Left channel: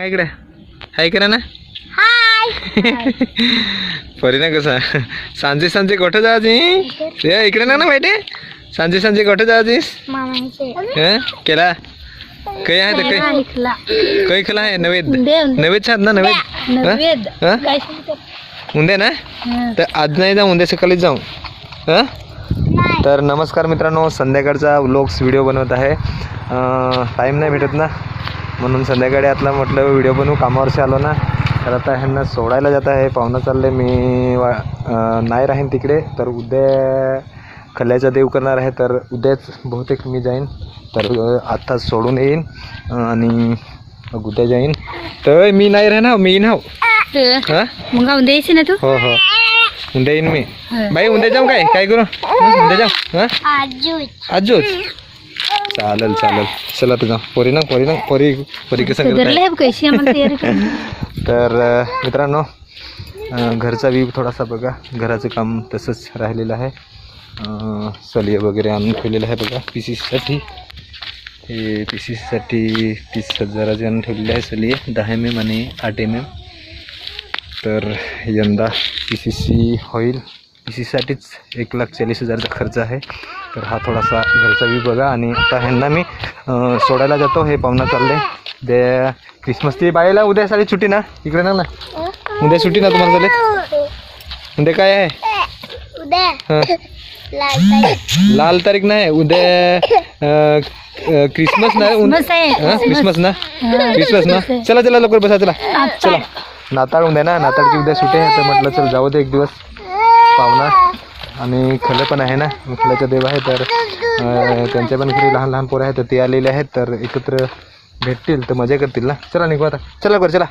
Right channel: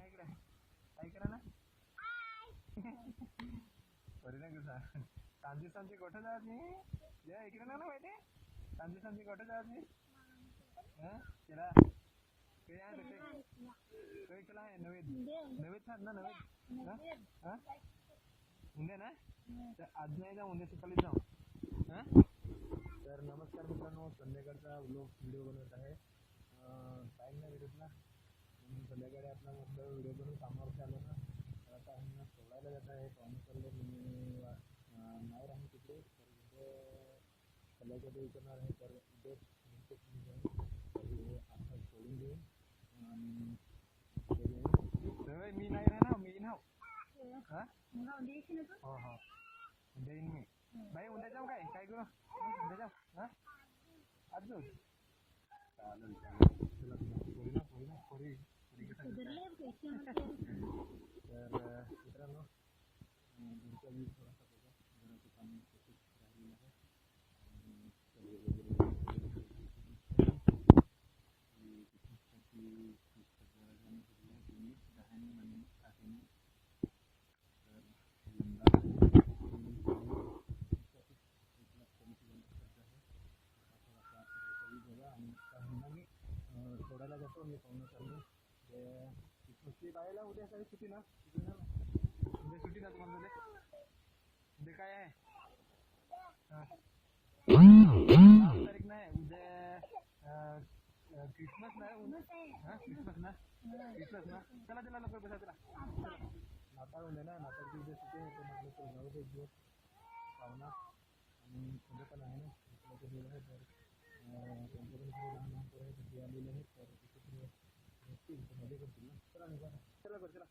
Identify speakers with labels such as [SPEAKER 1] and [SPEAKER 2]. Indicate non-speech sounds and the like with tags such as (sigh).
[SPEAKER 1] काय इकडे. हाय करा ना परी ना कसा? सांजे सांजे कुठं जायची ए इकडे ना ना माहिती सांजे सांजे कुठं जायचीस हं? केला? काही आहे तर काही काही केला आहे? नवेद. नवेद छान ना नवेद? हं? हं? उंदे ना? तर आज नाही जाऊ उद्या सकाळीच जाऊ. हं? तर नमस्कार मित्रांनो संध्याकाळचा व्लॉग्स व्हिडिओ बनवत आहे. टाईम नाही भेटत ना. म्हणून संध्याकाळी आतला म्हटलं व्हिडिओ बनवू कामावरशी आलो ना. तर आता ह्यांना सोडायला जात आहे पाहुणं चालले मी वा नाही राहीन तिकडे तर उद्या खल्ल्याचा देव करणार आहे तर उद्याच बहुतेक मी जाईन. तर आत्ताच सोडून येईन आणि मग उद्या जाईन. तर मी नाही राहणार मी येईन हो. हां?
[SPEAKER 2] मग द्यायची ना तू?
[SPEAKER 1] हो हो. उद्या येईन मी. बाई उद्या जाऊ काय? काय करू? उद्या जाऊ? हां? आजूच? चालेल चालेल. चला तुझा. पोरी ना पोरी ना पोरी पोरी कसं. (laughs) तर मित्रांनो घरचा व्ह्यू थोडासा बघा. घराचं काम तसंच राहिलेलं आहे. सलिये वगैरे आणून ठेवलेलं आहे बघा पी सी सीसाठी हे पी सी सीसाठी तीस हजाराचे आणून ठेवलेले आहे सलिये. दहा एम एम आणि आठ एम एम तर यंदा पी सी सी होईल. पी सी सीसाठीच एक लाख चाळीस हजारचा खर्च आहे. तर हा थोडासा घरचा व्ह्यू बघा आणि आता ह्यांना मी सोडायला जातो. हे पाहुणा चालले. दे क्रिसमसची बाईला उद्या साडी सुट्टी ना? इकडे ना ना. उद्या सुट्टी ना तुम्हाला चालेल? उद्या काय आहे? हं. लाल तारीख. नाही उद्या क्रिसमस ना? हं? क्रिसमस ना? क्रिसमस ना? चला चला लवकर बसा चला. चला. नाताळ उद्या ना. नाताळची उद्या सुट्टी आहे. तर म्हटलं चल जाऊ दे एक दिवस. पाहुणा आणि खलं पण आहे ना? खल्याचा देव आहे तर त्यांच्या पण घरी लहान लहान पोरं आहेत तर ते आलेले आहेत तर एकत्र भेटतील तर मजा करतील ना? चला निघू आता. चला बरं चला.